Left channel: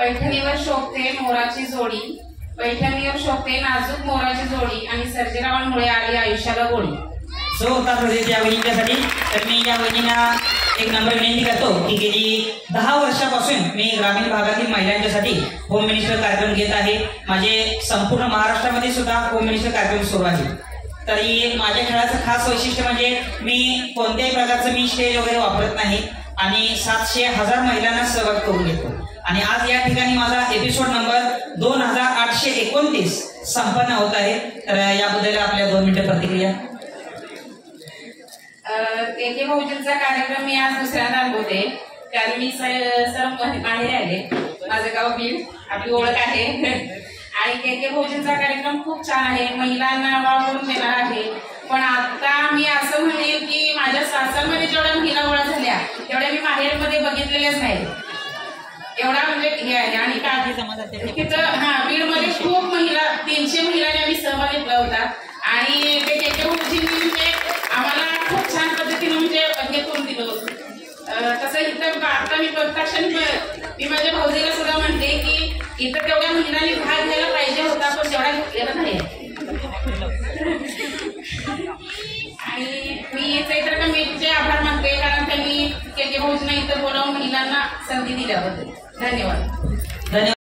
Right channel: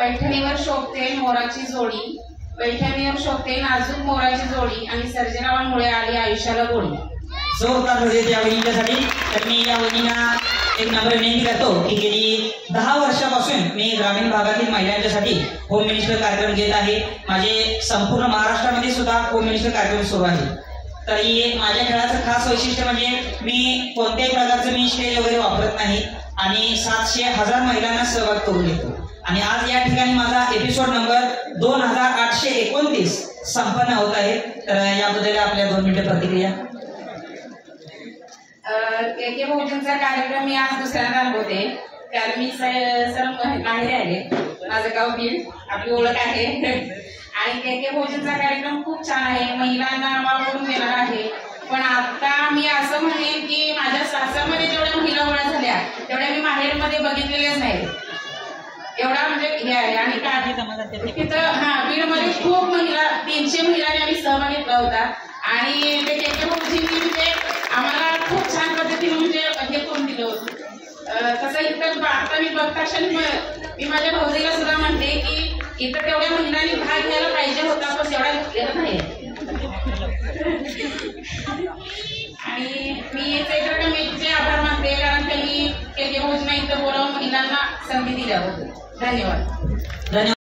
पैठणीवर शोभते मोराची जोडी, पैठणीवर शोभते नाजूक मोराची जोडी आणि सर्जेरावांमुळे आली आयुष्याला गोडी. जोरदार या वहिनींच्यासाठी. तर मी या वहिनींना एक नम्र विनंती करतो की गेली 10 वर्षापासून मी ग्रामीण भागातील महिलांच्यासाठी होम मिनिस्टर कार्यक्रम घेत आहे. माझे संपूर्ण महाराष्ट्रामध्ये सुद्धा होम मिनिस्टर कार्यक्रम सुरू आहे. तरी माझ्या खेळाचं खास वैशिष्ट्य म्हणजे मी कोणत्याही प्रकारचं मी स्टेज वगैरे वापरत नाही आणि 700,000 महिलांना सहभाग करून घेतो. आणि आज या ठिकाणी माझा एपिसोड नंबर 2829 संपन्न होत आहे. तर याबद्दल आपल्या 2 मिनिटं प्रतिक्रिया. के भाऊजींचा कार्यक्रम मी आज दुसऱ्यांदा अनुभवते. कारण मी सर्व माहेरी आले. माझं गाव बीड, आपली ओळख आहे. आणि के भाऊजींचा कार्यक्रम खूप छान आहे, महिलांना वावरून देणार आहे. पण आता मी असं म्हणेन की माझ्या सासरमध्ये जेवढ्या महिला गोळा झाल्या तेवढ्या मी माहेरमध्ये बघितलेल्याच नाही. एवढा म्हणजे हे आहे. आणि काय तिथं बीडमध्ये खूप महिला 300 महिलांनी आम्ही सहभाग घेतला होता. आणि ते के भाऊजींनी म्हणजे आम्हाला खूप छान पद्धतीने म्हणजे हे करून दिलं होतं. तसं इथं आता मी बघता क्षणी मी माझ्या भाऊजीला सुद्धा म्हणते की इथं तेवढ्या महिलांनी भाग घ्यायला पाहिजे होता, पण तेवढा घेतलेला नाही. आणि मी चैत्र कमिटीचे आभार मानते, कारण त्यांनी के भाऊजींना इथं बोलावून महिलांना संधी दिल्याबद्दल. धन्यवाद.